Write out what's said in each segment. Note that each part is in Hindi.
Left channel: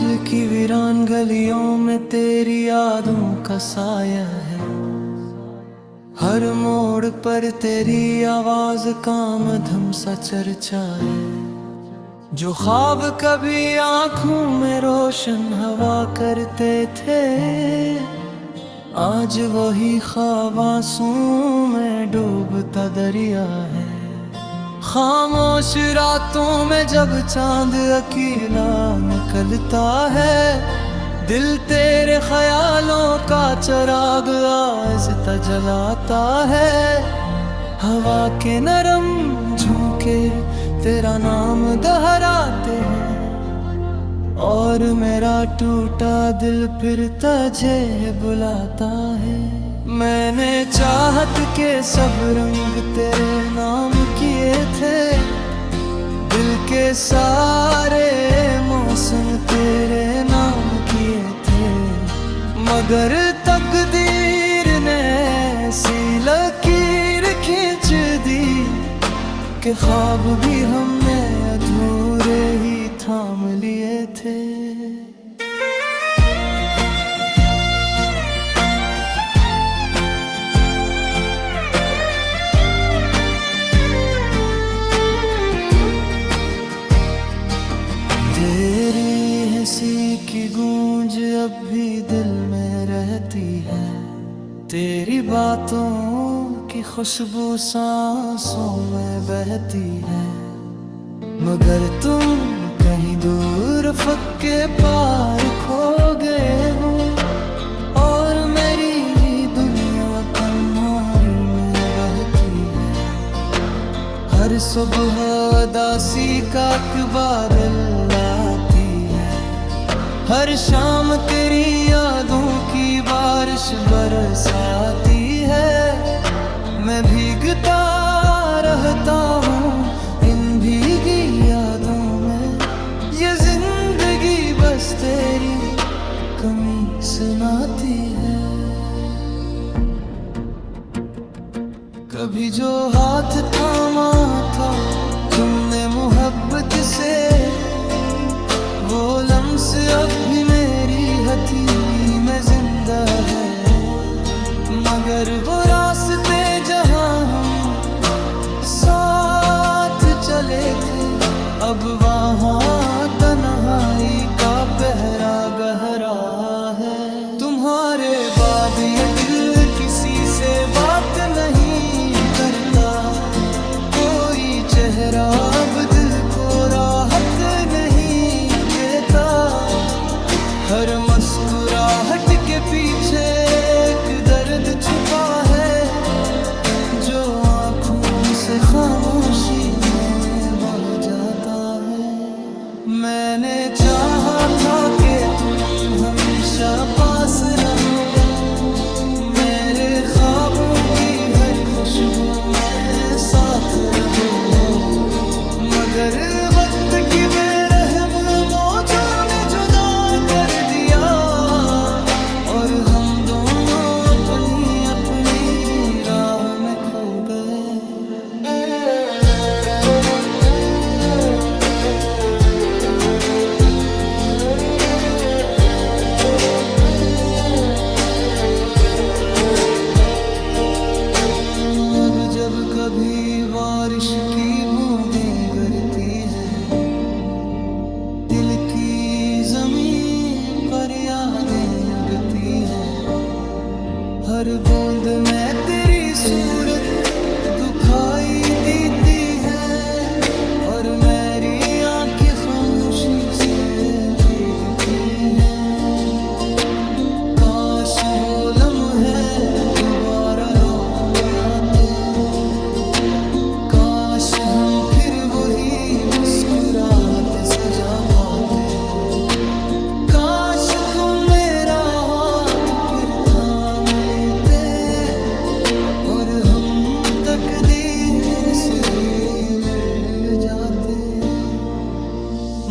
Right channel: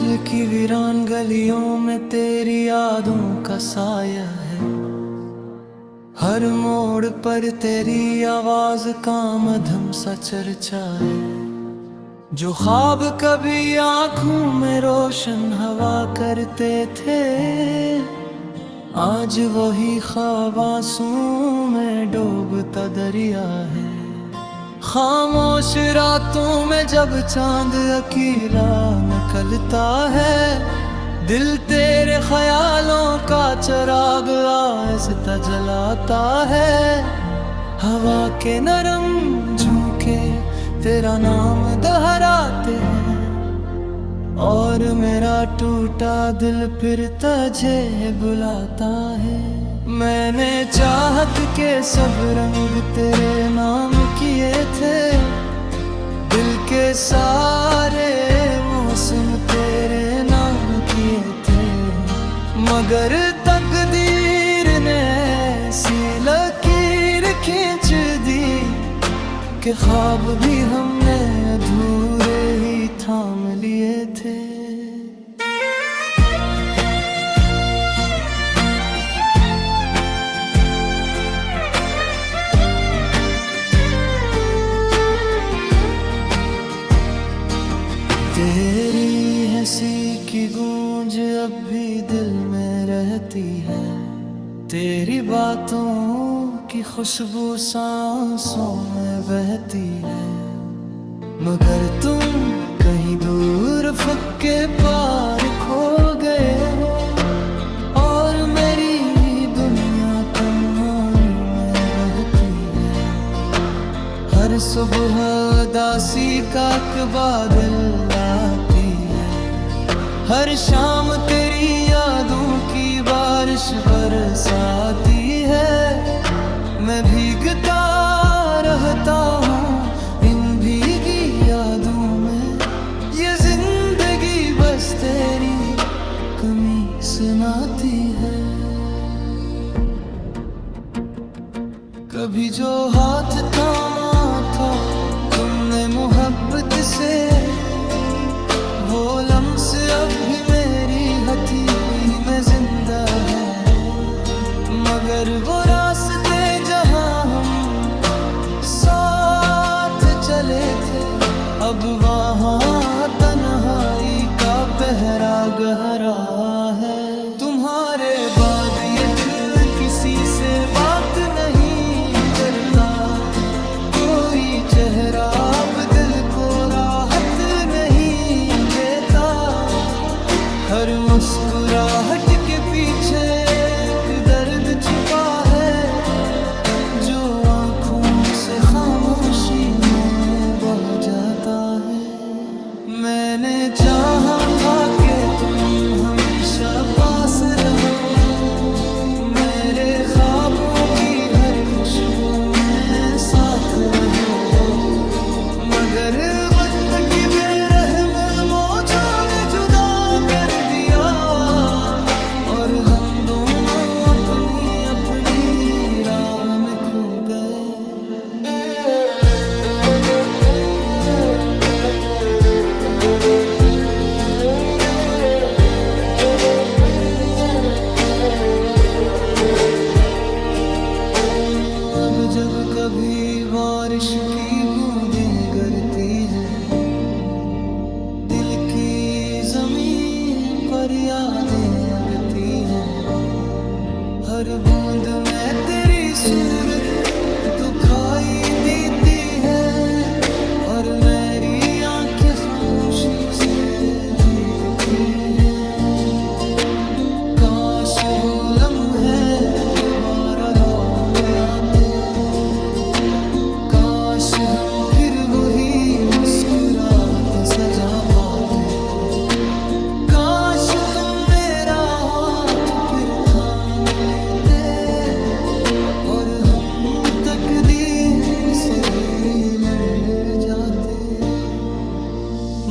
दिल की वीरान गलियों में तेरी यादों का साया है। हर मोड़ पर तेरी आवाज का मधुर सा चर्चा है। जो ख्वाब कभी आंखों में रोशन हवा करते थे, आज वही ख्वाब आंसुओं में डूबता दरिया है। खामोश रातों में जब चांद अकेला निकलता है, दिल तेरे ख्यालों का चिराग आहिस्ता जलाता है। हवा के नरम झोंके तेरा नाम दोहराते हैं, और मेरा टूटा दिल फिर तुझे बुलाता है। मैंने चाहत के सब रंग तेरे नाम किए थे, दिल के सारे मौसम तेरे नाम किए थे। मगर तकदीर ने ऐसी लकीर खींच दी कि ख्वाब भी हमने अधूरे ही थाम लिए थे। तेरी हंसी की गूंज अब भी दिल में रहती है, तेरी बातों की खुशबू सांसों में बहती है। मगर तुम कहीं दूर फक्के पार खो गए हो, और मेरी दुनिया तन्हाई में बहती है। हर सुबह उदासी का बादल आती है, हर शाम तेरी यादों की बारिश बरसाती है। मैं भीगता रहता हूँ इन भीगी यादों में, ये जिंदगी बस तेरी कमी सुनाती है। कभी जो हाथ थामा था तुमने मोहब्बत से, वो लम्स अब भी मेरी हथेली में जिंदा है। मगर वो रास्ते जहां हम साथ चले थे, अब वहां तन्हाई का पहरा गहरा है। तुम्हारे बाद ये दिल किसी से बात नहीं करता, कोई चेहरा अब दिल को राहत नहीं देता। हर मुस्कुराहट के पीछे एक दर्द छुपा है, जो आँखों से खामोशी में बह जाता है। मैंने चाहा था कि तुम हमेशा पास रहो, मेरे ख्वाबों की हर खुशबू में साथ रहो। मगर वक्त की बेरहम मौजों ने जुदा कर दिया, और हम दोनों अपनी अपनी राहों में खो गए। अब जब कभी बारिश की बूंदें गिरती हैं, दिल की जमीन पर यादें अगती हैं। हर बूंद में तेरी सूरत दुखाई देती है, और मेरी आंखें खामोशी से भीगती हैं। काश वो लम्हे दोबारा लौट आते, काश हम फिर वही मुस्कुराहटें सजा पाते। काश तुम मेरा हाथ फिर थाम लेते, और हम तकदीर से भी लड़ जाते।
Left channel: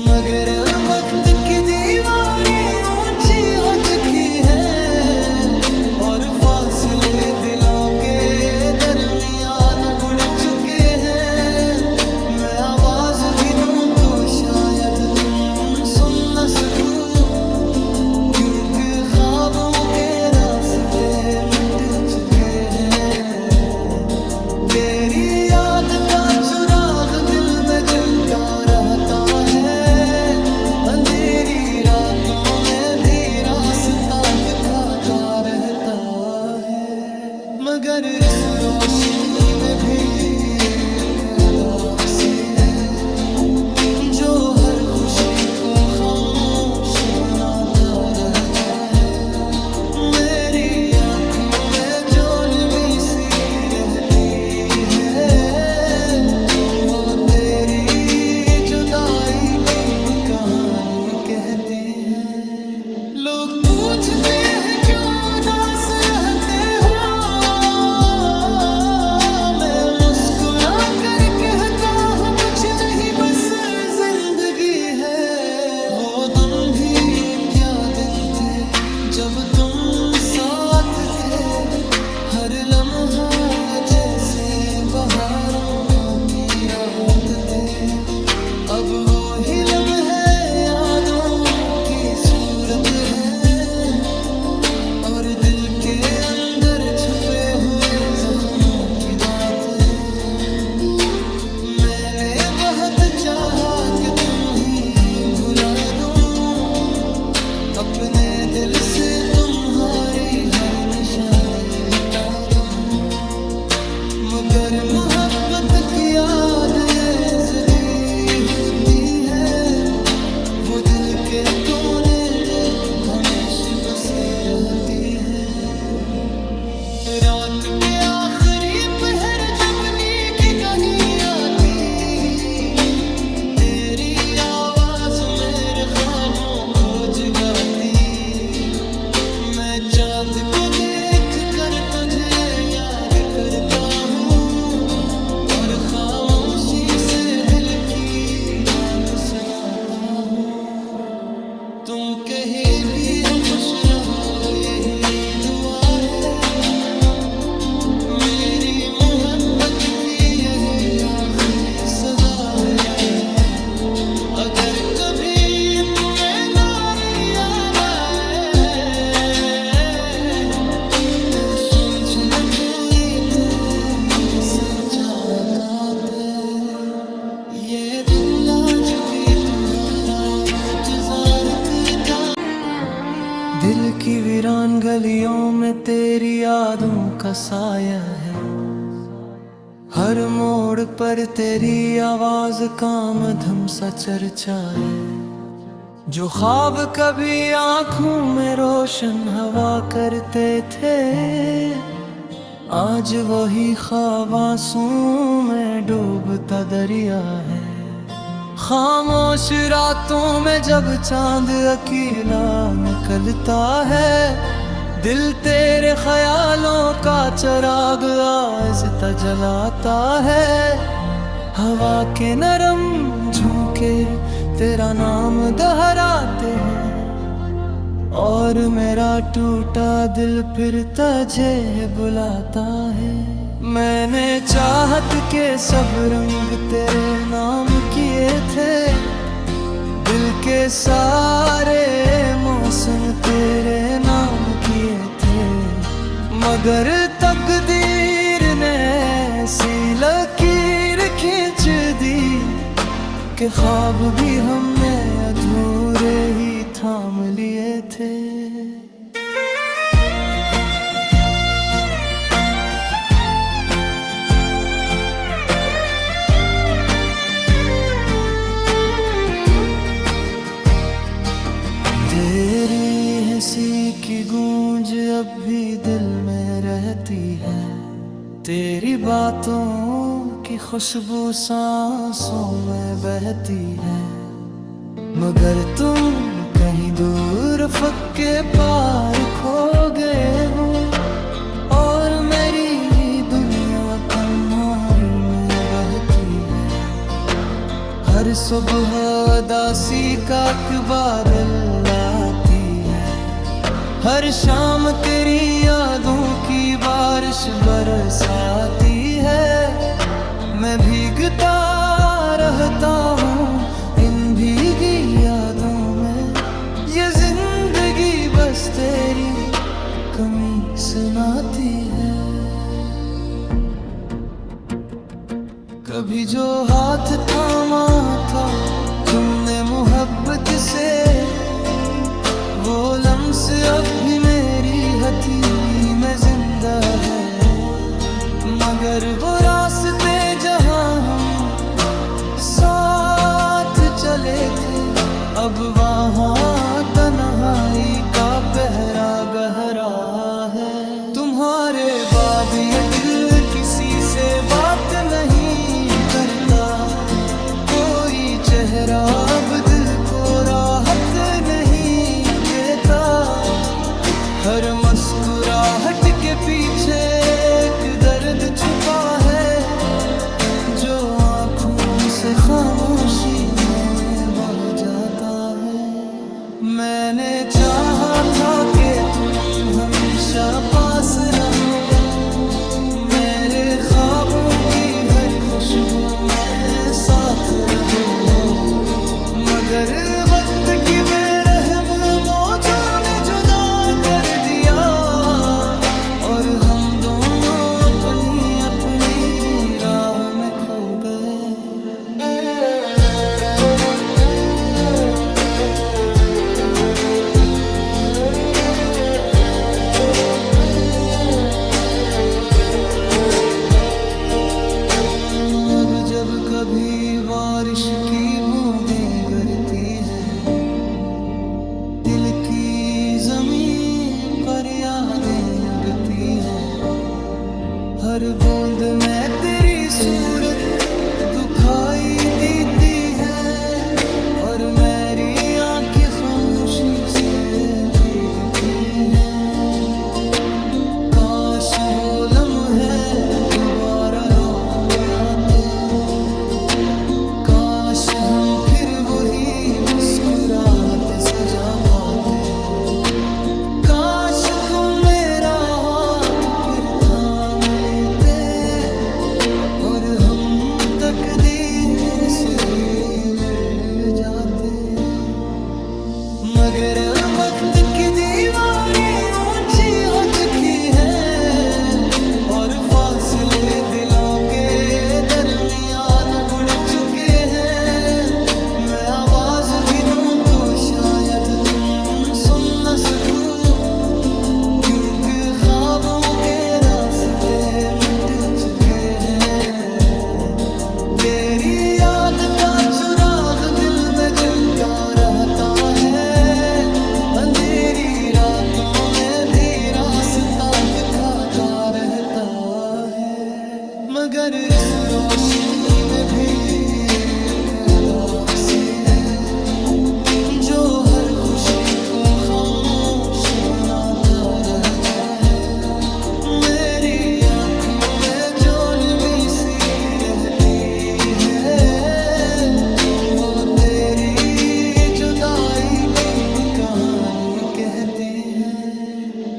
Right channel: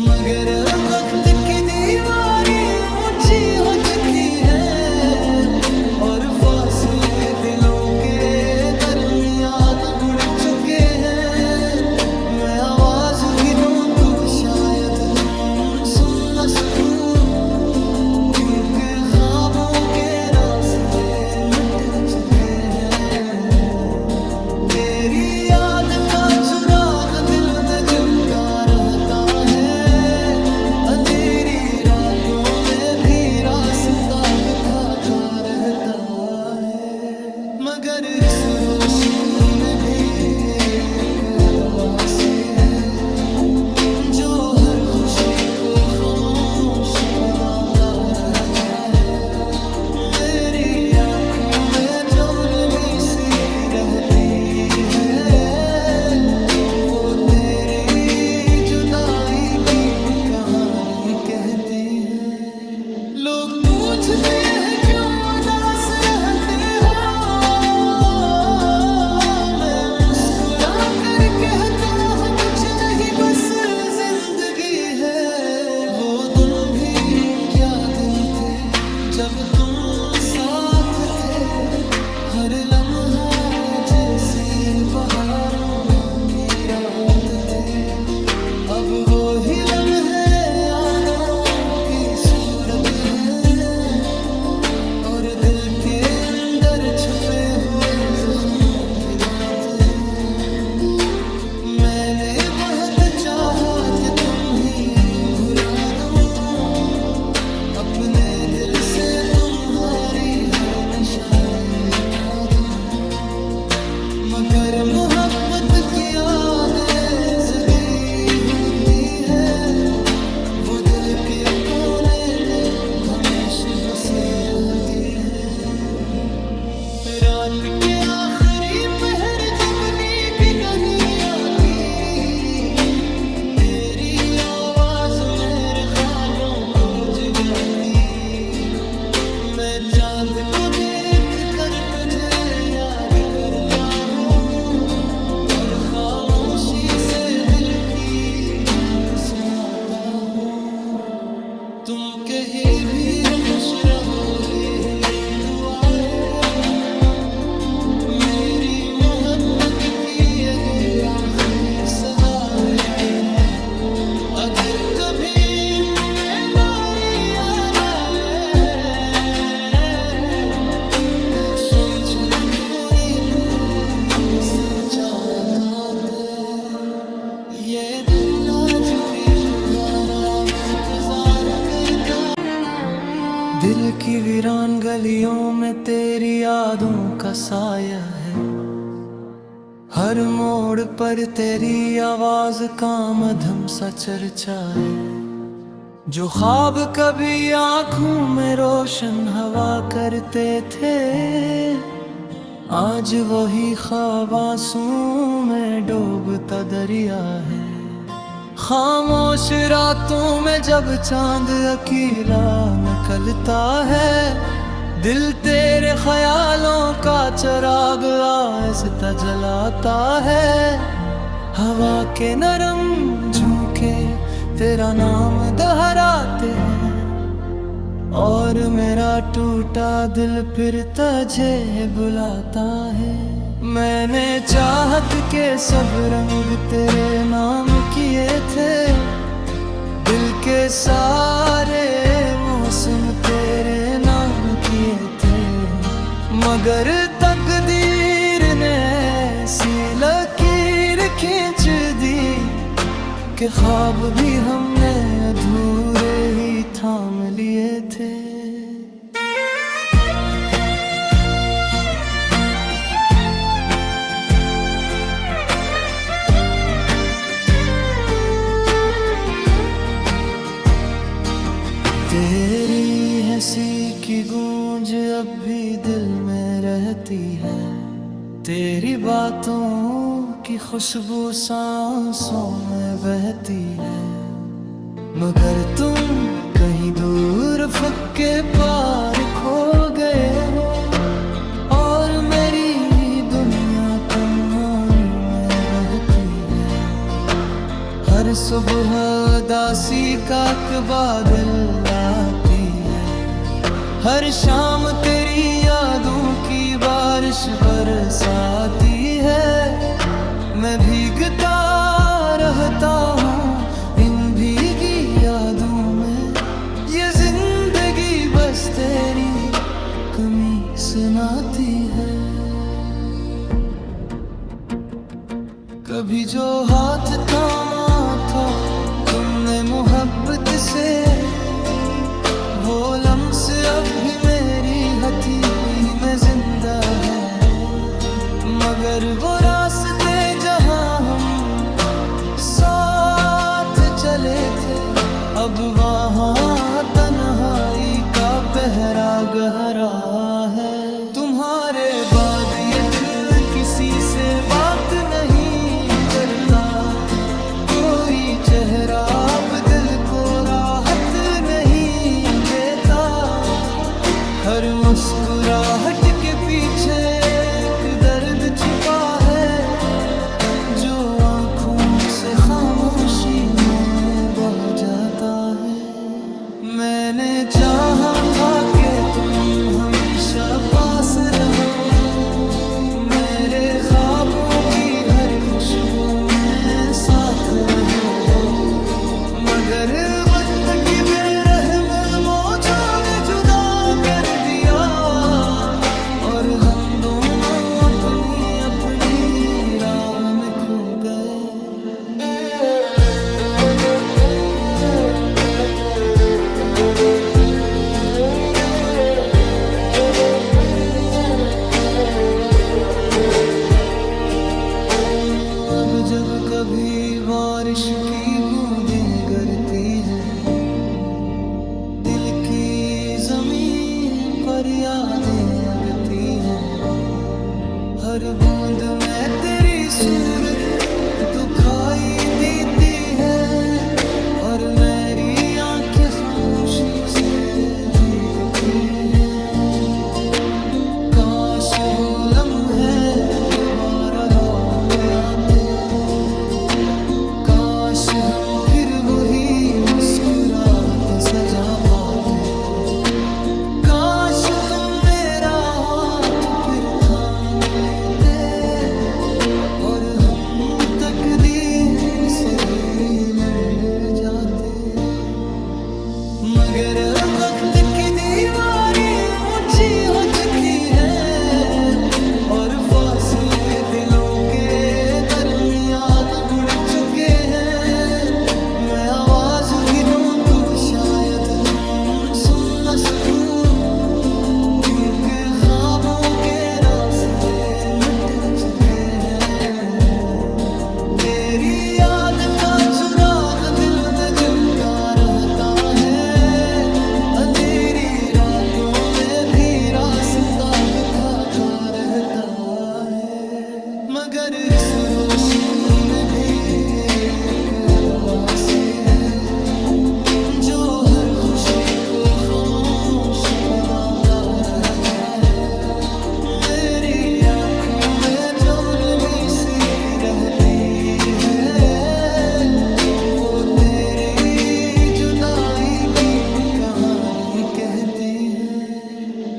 मगर वक्त की दीवारी ऊंची हो चुकी है, और फासले दिलों के दरमियान बुढ़ चुके हैं। मैं आवाज भी दूं तो शायद तुम सुन न सको, क्योंकि ख्वाबों के रास्ते मिट चुके हैं। तेरी याद का चिराग दिल में जलता रहता है, अंधेरी रातों में भी रास्ता दिखाता रहता है। मगर इस रोशनी में भी एक उदासी है, जो हर खुशी को खामोश बनाता रहता है। मेरी आंखों में जो नमी सी रहती है, वो तेरी जुदाई की कहानी कहती है। लोग पूछते हैं क्यों उदास रहते हो, मैं मुस्कुरा कर कहता हूँ कुछ नहीं बस जिंदगी है। वो दिन भी क्या दिन थे जब तुम साथ थे, हर लम्हा जैसे बहारों की रात थे। अब वो ही लम्हे यादों की सूरत है, और दिल के अंदर छुपे हुए जख्मों की बात है। मैंने बहुत चाहा कि तुम ही भुला दो, अपने दिल से तुम्हारी हर निशानी मिटा दो। मगर मोहब्बत की यादें ज़िंदी होती है, वो दिल के कोने में हमेशा बसी रहती है। रात के आखिरी पहर जब नींद नहीं आती, तेरी आवाज मेरे ख्वाबों को जगाती। मैं चांद को देख कर तुझे याद करता हूँ, और खामोशी से दिल की बात सुनाता हूँ। तुम कहीं भी हो खुश रहो यही दुआ है, मेरी मोहब्बत की यही आखिरी सदा है। अगर कभी तुम्हें नारी याद आए, तो समझ लो कोई तेरे से चाहता था। ये दिल आज भी तुम्हारा इंतजार करता। दिल की वीरान गलियों में तेरी यादों का साया है, हर मोड़ पर तेरी आवाज का मधम सा चर्चा है। जो ख्वाब कभी आंखों में रोशन हवा करते थे, आज वही ख्वाब आंसुओं में डूबता दरिया है। खामोश रातों में जब चांद अकेला निकलता है, दिल तेरे ख्यालों का चिराग आहिस्ता जलाता है। हवा के नरम झोंके तेरा नाम दोहराते हैं, और मेरा टूटा दिल फिर तुझे बुलाता है। मैंने चाहत के सब रंग तेरे नाम किए थे, दिल के सारे मौसम तेरे नाम किए थे। मगर तकदीर ने ऐसी लकीर खींच दी कि ख्वाब भी हमने अधूरे ही थाम लिए थे। तेरी हंसी की गूंज अब भी दिल में रहती है, तेरी बातों की खुशबू सांसों में बहती है। मगर तुम कहीं दूर फक्के पार खो गए हो, और मेरी दुनिया तन्हाई में बहती है। हर सुबह उदासी का एक बादल आती है, हर शाम तेरी यादों की बारिश बरसाती है। मैं भीगता रहता हूँ इन भीगी यादों में। ये जिंदगी बस तेरी कमी सुनाती है। कभी जो हाथ थामा था तुमने मोहब्बत से, वो लम्स अब भी मेरी हथेली में जिंदा है। मगर वो रास्ते जहां हम साथ चले थे, अब वहाँ तन्हाई का पहरा गहरा है। तुम्हारे बाद ये दिल किसी से बात नहीं करता, कोई चेहरा अब दिल को राहत नहीं देता। हर मुस्कुराहट के पीछे एक दर्द छुपा है, जो आँखों से खामोशी में बह जाता है। मैंने चाहा था कि तुम हमेशा पास रहो, मेरे ख्वाबों की हर खुशबू में साथ रहो। मगर वक्त की बेरहम मौजों ने जुदा कर दिया, और हम दोनों अपनी अपनी राहों में खो गए। अब जब कभी बारिश की बूंदें गिरती हैं, दिल की जमीन पर यादें अगती हैं। हर बूंद में तेरी सूरत दुखाई देती है, और मेरी आंखें खामोशी से भीगती हैं। काश वो लम्हे दोबारा लौट आते, काश हम फिर वही मुस्कुराहटें सजा पाते। काश तुम मेरा हाथ फिर थाम लेते, और हम तकदीर से भी लड़ जाते। मगर वक्त की दीवारें ऊंची हो चुकी है, और फासले दिलों के दरमियान बढ़ चुके हैं। मैं आवाज भी दूं तो शायद तुम सुन न सको, क्योंकि ख्वाबों के रास्ते मिट चुके हैं। तेरी याद का चिराग दिल में जलता रहता है, अंधेरी रातों में भी रास्ता दिखाता रहता है। मगर इस रोशनी में भी एक उदासी है, जो हर खुशी को खामोश बनाता रहता है। मेरी आंखों में जो नमी सी रहती है, वो तेरी जुदाई की कहानी कहती है।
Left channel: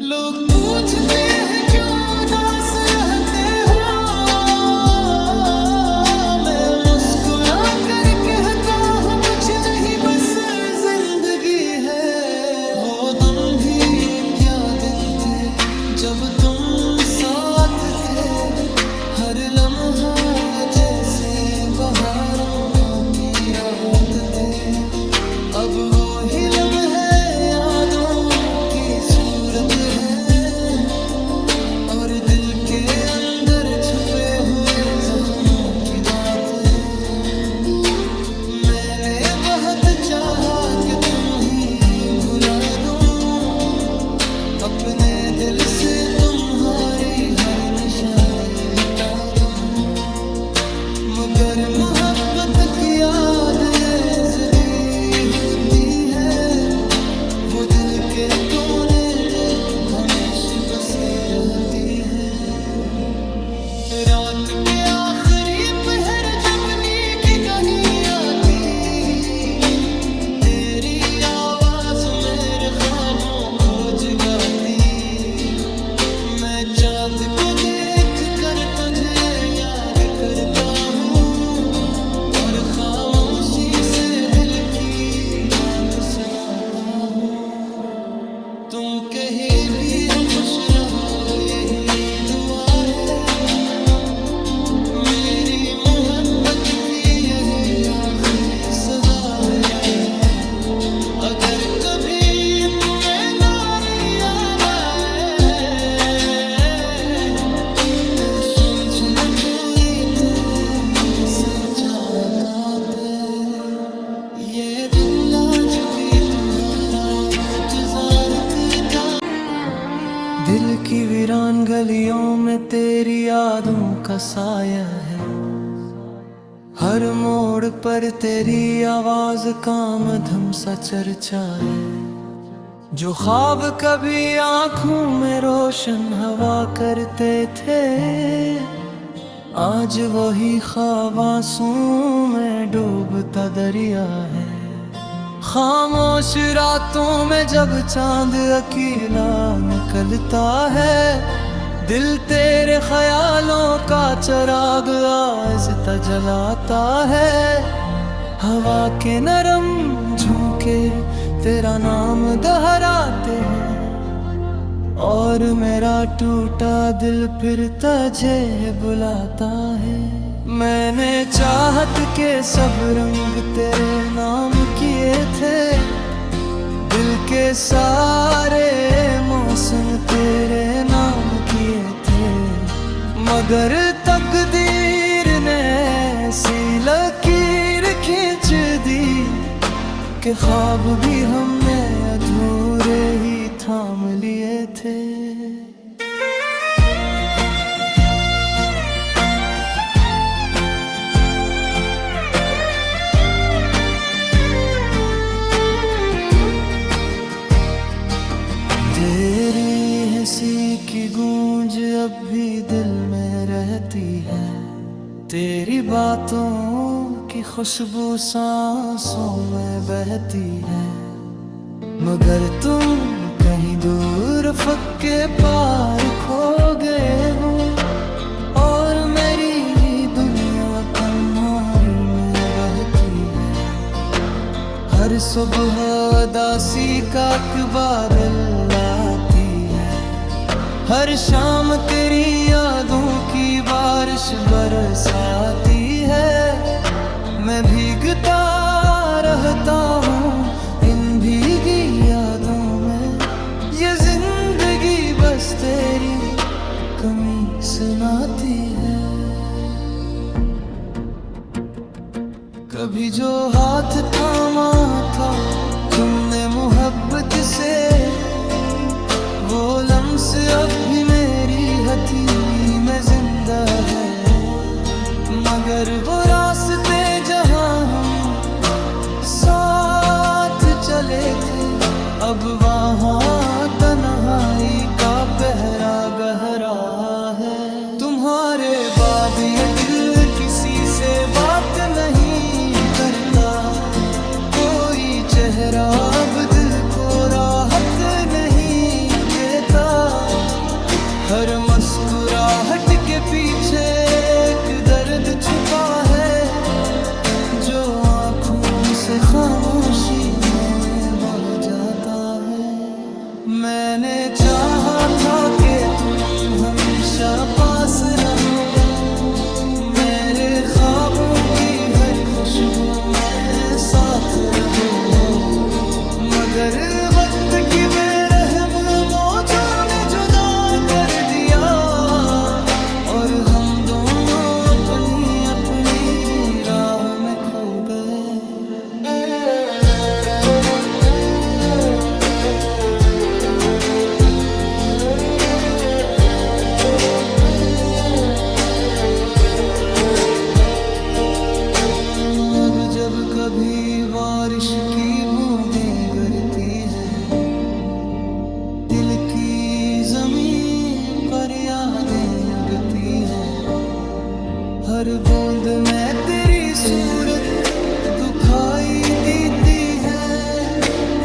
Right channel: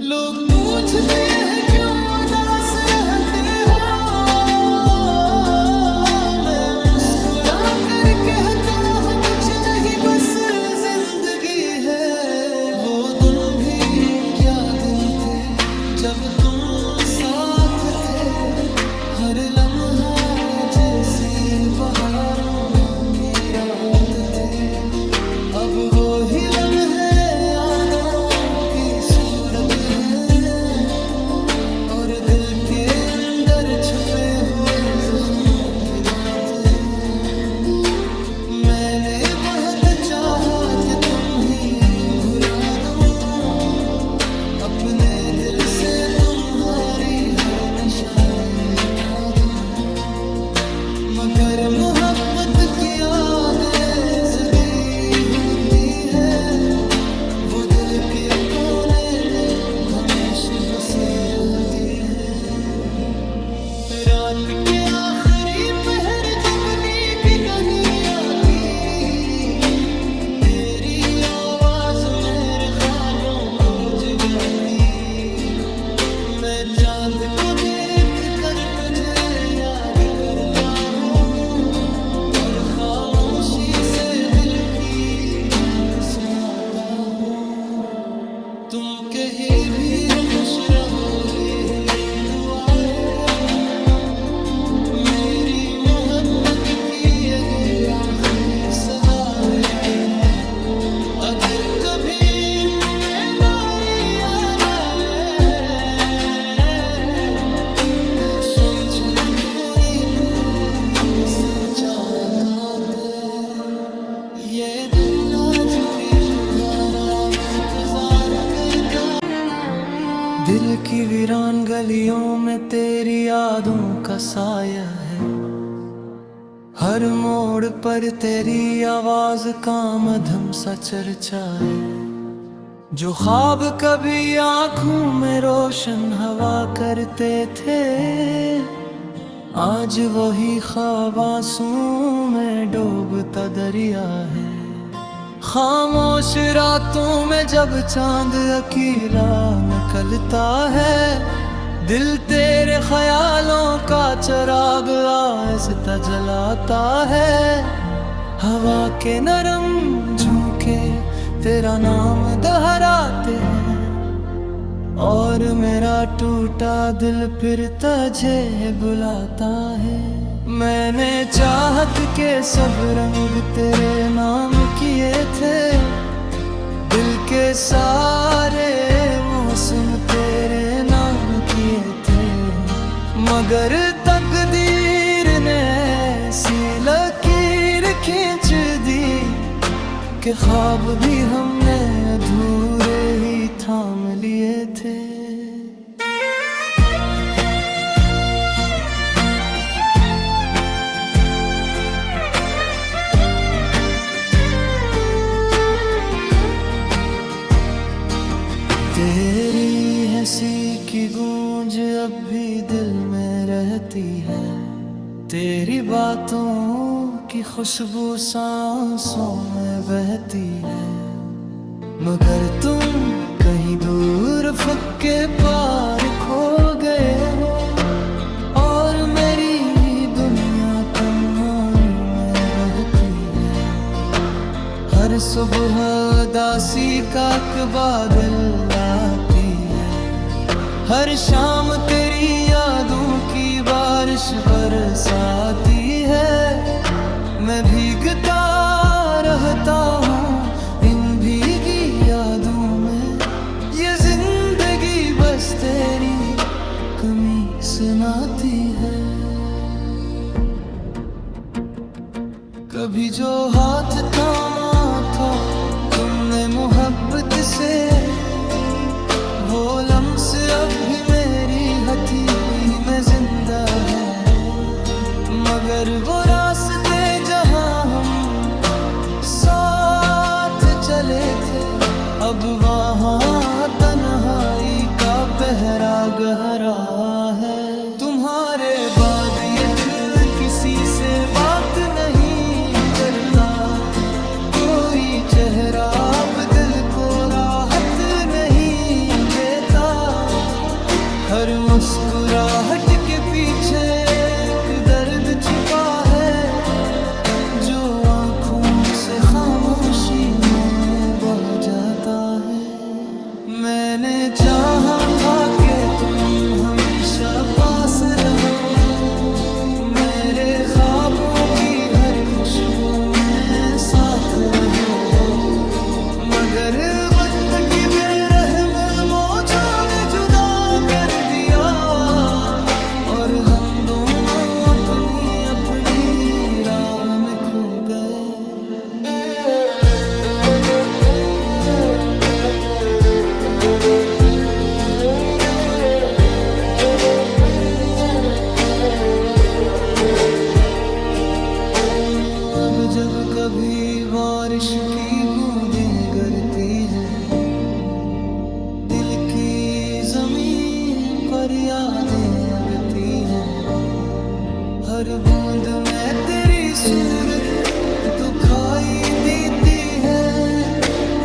लोग पूछते हैं क्यों उदास रहते हो, मैं मुस्कुरा कर कहता हूँ कुछ नहीं बस जिंदगी है। वो दिन भी क्या दिन थे जब तुम साथ थे, हर लम्हा जैसे बहारों की रात थे। अब वो ही लम्हे यादों की सूरत है, और दिल के अंदर छुपे हुए जख्मों की बात है। मैंने बहुत चाहा कि तुम ही भुला दो, अपने दिल से तुम्हारी हर निशानी मिटा दो। मगर मोहब्बत की यादें ज़िंदी होती है, वो दिल के कोने में हमेशा बसी रहती है। रात के आखिरी पहर जब नींद घनी आती, तेरी आवाज मेरे ख्वाबों को जगाती। मैं चांद को देख कर तुझे याद करता हूँ, और खामोशी से दिल की बात सुनाता हूँ। तुम कहीं भी हो खुश रहो यही दुआ है, मेरी मोहब्बत की यही आखिरी सदा है। अगर कभी तुम्हें नारी याद आए तो समझ लो कोई तेरे से चाहता था। ये दिल आज भी तुम्हारा इंतजार करता। दिल की वीरान गलियों में तेरी यादों का साया है, हर मोड़ पर तेरी आवाज का मधम सा चर्चा है। जो ख्वाब कभी आंखों में रोशन हवा करते थे, आज वही ख्वाब आंसुओं में डूबता दरिया है। खामोश रातों में जब चांद अकेला निकलता है, दिल तेरे ख्यालों का चिराग आहिस्ता जलाता है। हवा के नरम झोंके तेरा नाम दोहराते हैं, और मेरा टूटा दिल फिर तुझे बुलाता है। मैंने चाहत के सब रंग तेरे नाम किए थे, दिल के सारे मौसम तेरे नाम किए थे। मगर तकदीर ने ऐसी लकीर खींच दी कि ख्वाब भी हमने अधूरे ही थाम लिए थे। तेरी हंसी की गूंज अब भी दिल में रहती है, तेरी बातों की खुशबू सांसों में बहती है। मगर तुम कहीं दूर फक्के पार खो गए हो, और मेरी दुनिया तन्हाई में बहती है। हर सुबह उदासी का बादल आती है, हर शाम तेरी यादों की बारिश बरसाती है। मैं भीगता रहता हूँ इन भीगी यादों में, ये जिंदगी बस तेरी कमी सुनाती है। कभी जो हाथ थामा था तुमने मोहब्बत से, वो लम्स अब भी मेरी हथेली में जिंदा है। मगर वो रास्ते जहां हम साथ चले थे, अब वहाँ तन्हाई का पहरा गहरा है। तुम्हारे बाद ये दिल किसी से बात नहीं करता, कोई चेहरा अब दिल को राहत नहीं देता। हर मुस्कुराहट के पीछे एक दर्द छुपा है, जो आँखों से खामोशी में बह जाता है। मैंने चाहा था कि तुम हमेशा पास रहो, मेरे ख्वाबों की हर खुशबू में साथ रहो। मगर वक्त की बेरहम मौजों ने जुदा कर दिया, और हम दोनों अपनी अपनी राहों में खो गए। अब जब कभी बारिश की बूंदें गिरती हैं, दिल की जमीन पर यादें अगती हैं। हर बूंद में तेरी सूरत दुखाई देती है,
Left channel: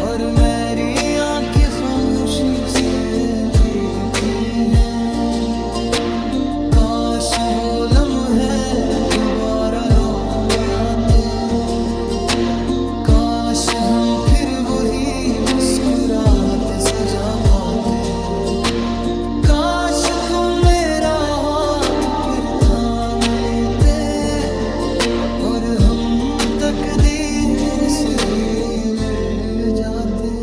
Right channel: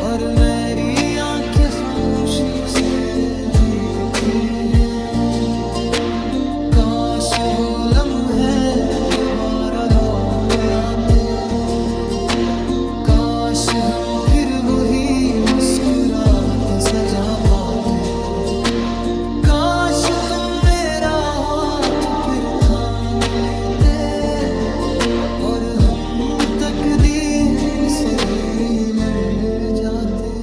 और मेरी आंखें खामोशी से भीगती हैं। काश वो लम्हे दोबारा लौट आते, काश हम फिर वही मुस्कुराहटें सजा पाते, काश तुम मेरा हाथ फिर थाम लेते और हम तकदीर से भी लड़ जाते।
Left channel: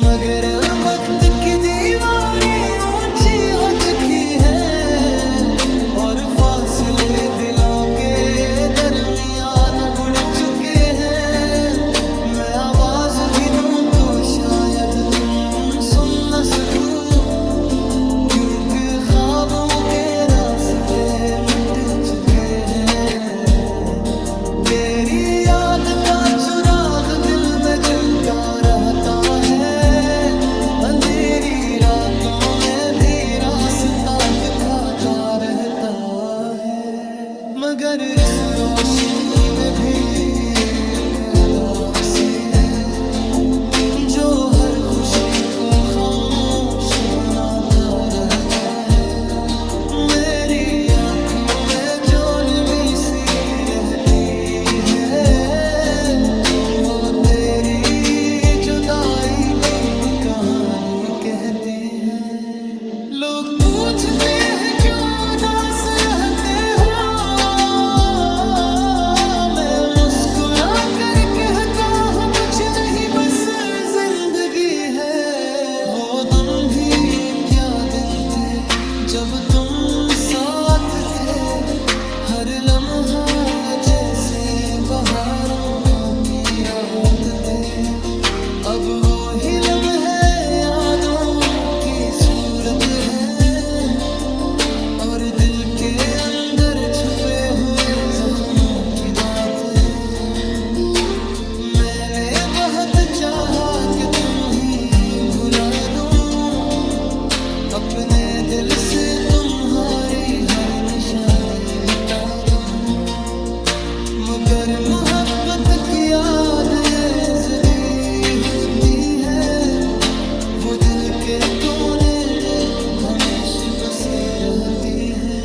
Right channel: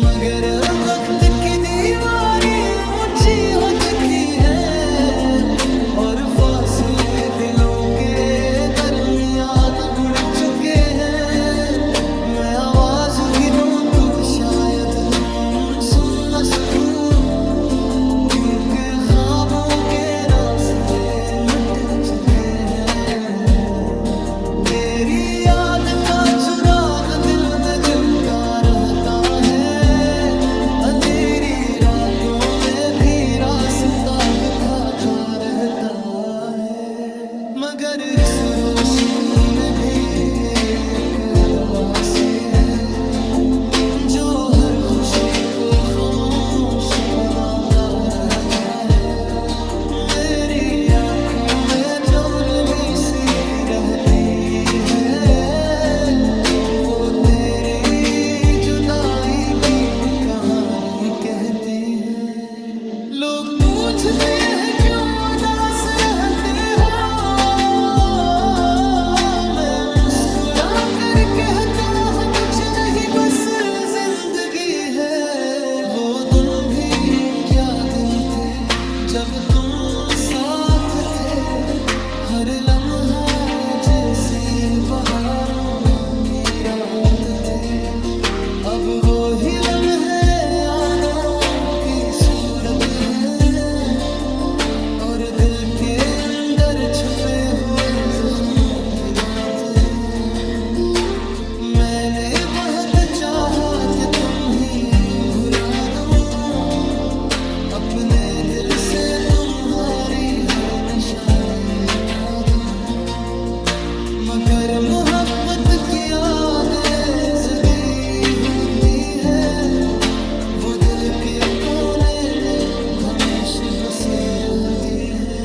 मगर वक्त की दीवारी ऊंची हो चुकी है और फासले दिलों के दरमियान बढ़ चुके हैं। मैं आवाज भी दूं तो शायद तुम सुन न सकूं, क्योंकि ख्वाबों के रास्ते मिट चुके हैं। तेरी याद का चिराग दिल में जलता रहता है, अंधेरी रातों में भी रास्ता दिखाता रहता है। मगर इस रोशनी में भी एक उदासी है जो हर खुशी को खामोश बनाता रहता है। मेरी आंखों में जो नमी सी रहती है वो तेरी जुदाई की कहानी कहती है। लोग पूछते हैं क्यों उदास रहते हो, मैं मुस्कुरा कर कहता हूँ कुछ नहीं बस जिंदगी है। वो दिन भी क्या दिन थे जब तुम साथ थे, हर लम्हा जैसे बहारों की रात थे। अब वो ही लम्हे यादों की सूरत है और दिल के अंदर छुपे हुए जख्मों की बात है। मैंने बहुत चाहा कि तुम ही भुला दो, अपने दिल से तुम्हारी हर निशानी मिटा दो। मगर मोहब्बत की यादें ज़िंदी होती है, वो दिल के कोने में हमेशा बसी रहती है।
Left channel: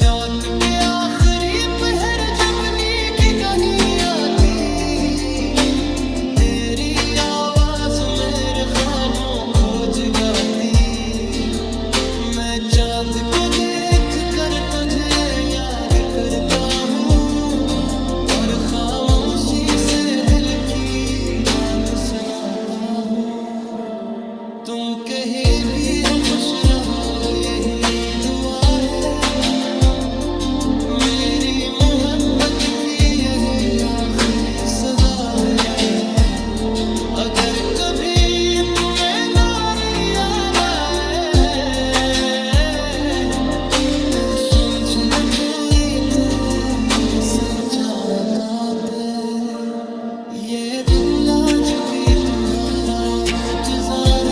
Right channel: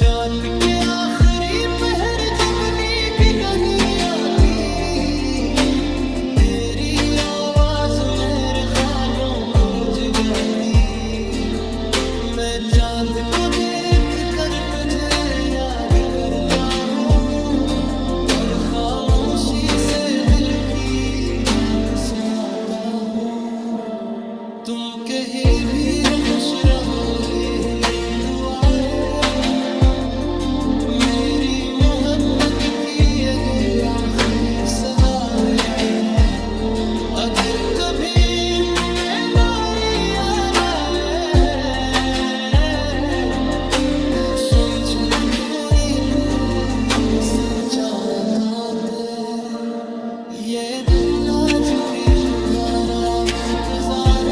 रात के आखिरी पहर जब नींद नहीं आती, तेरी आवाज मेरे ख्वाबों को जगाती। मैं चांद को देख कर तुझे याद करता हूँ और खामोशी से दिल की बात सुनाता हूँ। तुम कहीं भी हो खुश रहो यही दुआ है, मेरी मोहब्बत की यही आखिरी सदा है। अगर कभी तुम्हें नारी याद आए तो समझ लो कोई तेरे से चाहत है। ये दिल आज भी तुम्हारा इंतजार